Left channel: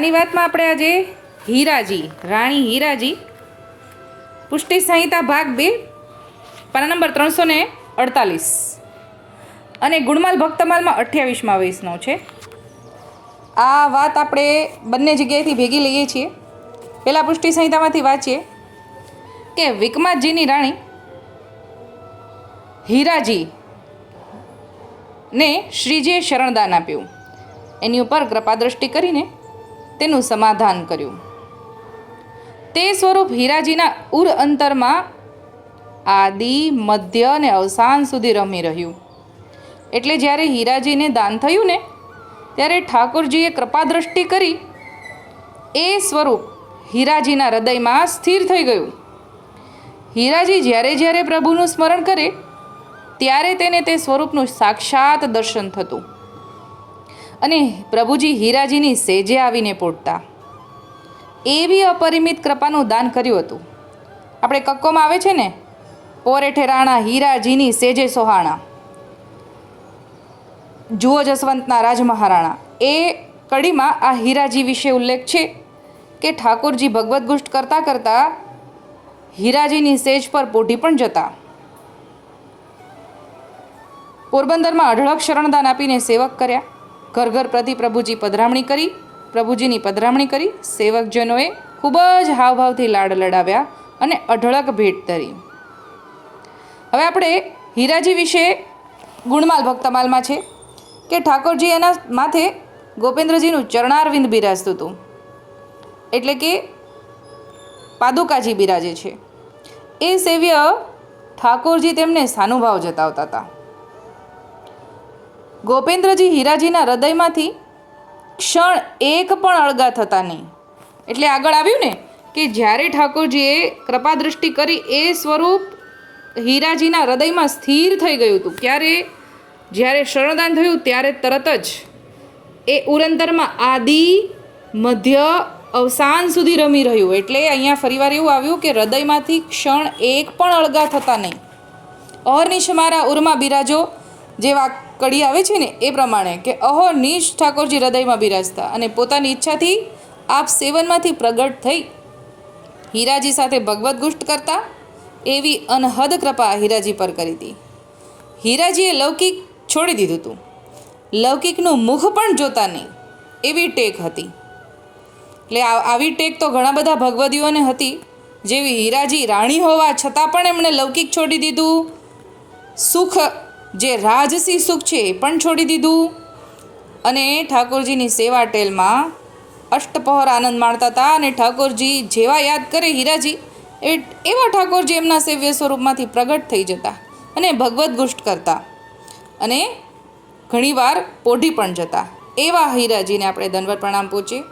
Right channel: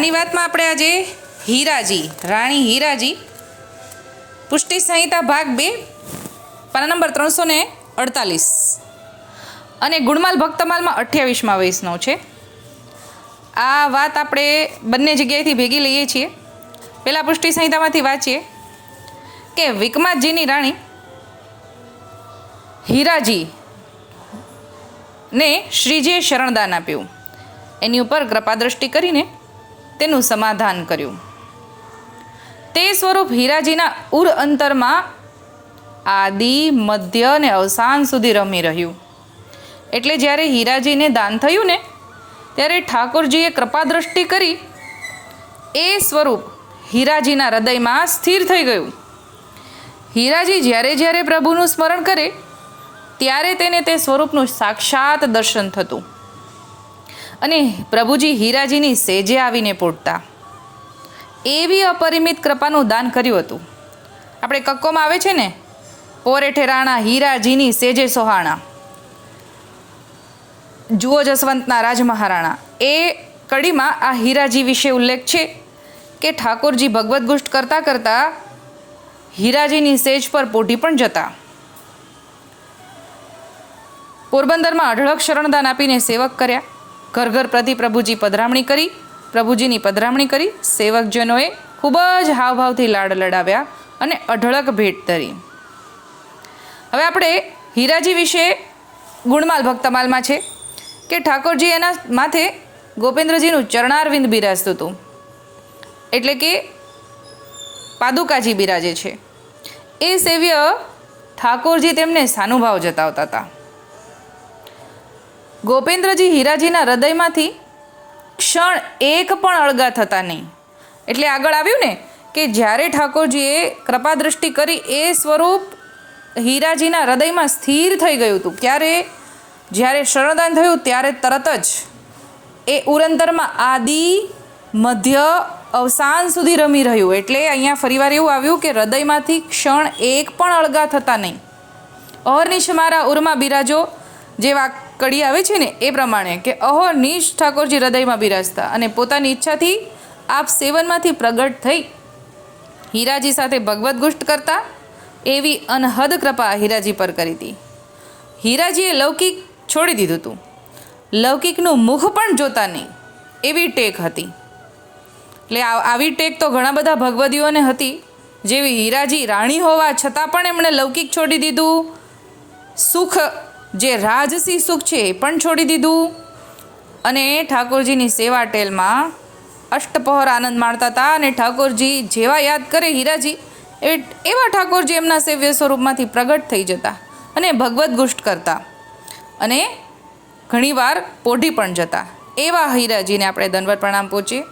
ની વાતમાં આપણે આજે હીરાજી, રાણી હીરાજી, પુષ્ટિ સંહિતા ભાગ બે, પાના નંબર ત્રણસો ને અડતાલીસ. અને ગુણમાલ ભક્તમાલમાં અઠ્યાવીસમાં વૈષ્ણવ છે. આ વાત આપણે બંને જગ્યાએથી ભેગી લઈએ છીએ. પહેલાં પુષ્ટિ સંહિતામાંથી વાંચીએ કે વિકમાતજીની રાણી હીરાજી ને શ્રીજીએ શરણદાન આપ્યું. એની ઉપર કૃપાદ્રષ્ટિ કરીને તેનું સમાધાન કર્યું. તે સ્વરૂપ હીરાજીના ઉર અંતરમાં આદિ, મધ્ય અને અવસાન સુધી રમી રહ્યું. એટલે જ્યારે હીરાજીને દાન થયું ને, ત્યારે ઠાકોરજીએ કૃપાદ્રષ્ટિ કરી એ સ્વરૂપ હીરાજીના હૃદયમાં સ્થિર થઈ ગયું. હીરાજી જ્યારે જ્યારે પ્રભુનું સ્મરણ કરે, ત્યારે તેને તે સ્વરૂપનું સાક્ષાત દર્શન થતું. અને પ્રભુજી હીરાજીની સેજે આવીને પોટતા એવી અપરિમિત કૃપાનું દાન કર્યું હતું. આપણે કક્કોમાં આવે છે ને? પોરે ઠેરાણા હીરાજીની સેજે સોહાણા. જુઓ જસવંતના રાજમહારાણા. એ કડીમાં આ હીરાજી વિશે ઉલ્લેખ છે કે ઠાકોરજી ભગવદ્ ગુષ્ટ કરતાં કરતાં હીરાજીની સેજ પર પોઢી પણ જતા. પોરબંદરમાં અઢળક શરણદાન આપીને સેવક કર્યા. ઘર ઘર પ્રતિ પ્રભુજી પધરામણી કરી, પ્રભુજીની પધરામણી કરી, સેવકજનોએ ખૂબ જ હાવભાવથી લાડ લડાવ્યા અને અઢળક ભેટ ધરી. હવે આપણે હીરાજી વિશે ગુણમાલ ભક્તમાલમાં છે કે ઠાકોરજી એના માથે ગોપેન્દ્રજીનું ચરણારવિંદ બિરાજતું હતું. એટલે કે પાદુકાજી બિરાજે છે. એ સેવ્ય ઠાકોરજી તેમને સાનુભાવ જતાવતા હતા. ગોપેન્દ્રજી હીરાજીના હૃદયમાંથી ક્ષણ એક પણ અળગા થતા નહીં. એટલે આગળ આવ્યું ને કે જ્યારે ઠાકોરજીએ કૃપાદૃષ્ટિ કરી, એ સ્વરૂપ હીરાજીના હૃદયમાં સ્થિર થઈ ગયું હતું. ક્યારે? જ્યારે શરણદાન થયું, ત્યારે તરત જ એ ઉરંતરમાં આદિ મધ્ય અવસાન સુધી રમી રહ્યું. એટલે અહીંયા ફરીવાર એવું આવ્યું કે હૃદયમાંથી ક્ષણ એક પણ અળગા થતા નહીં. અહર્નિશ મારા ઉરમાં બિરાજો જેવા કડી આવે છે ને એ પ્રમાણે કે અહો નીશ ઠાકોરજી હૃદયમાં બિરાજતા અને પોતાની ઈચ્છાથી આપ સેવનમાંથી પ્રગટ થઈ હીરાજી સાથે ભગવદ્ ગુષ્ટ કરતા એવી અનહદ કૃપા હીરાજી પર કરી હતી. હીરાજીએ લૌકિક છોડી દીધું હતું. લૌકિકનું મુખ પણ જોતા નહીં એવી ટેક હતી. એટલે આવી ટેક તો ઘણા બધા ભગવદીઓને હતી. જેવી હીરાજી રાણી હોવા છતાં પણ એમણે લૌકિક છોડી દીધું. સુખ જે રાજસી સુખ છે એ પણ છોડી દીધું. અને ઠાકોરજીની સેવા ટેલમાં અષ્ટપહોર આનંદ માણતા હતા અને ઠાકોરજી જેવા યાદ કરે હીરાજી, એ એવા ઠાકોરજી એમના સેવ્ય સ્વરૂપમાંથી પ્રગટ થઈ જતા અને ભગવદ્ ગુષ્ટ કરતા. અને ઘણીવાર પોઢી પણ જતા. એવા હીરાજીને આપણે દંડવત પ્રણામ પહોંચે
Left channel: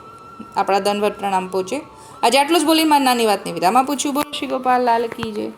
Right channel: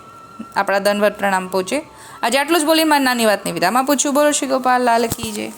આપણા ધનવર પ્રણામ પહોંચે આજે આટલું જ બોલી મારી નાની વાતની વિરામ છું બોલો શ્રી ગોપાલ, લાલ કી જય.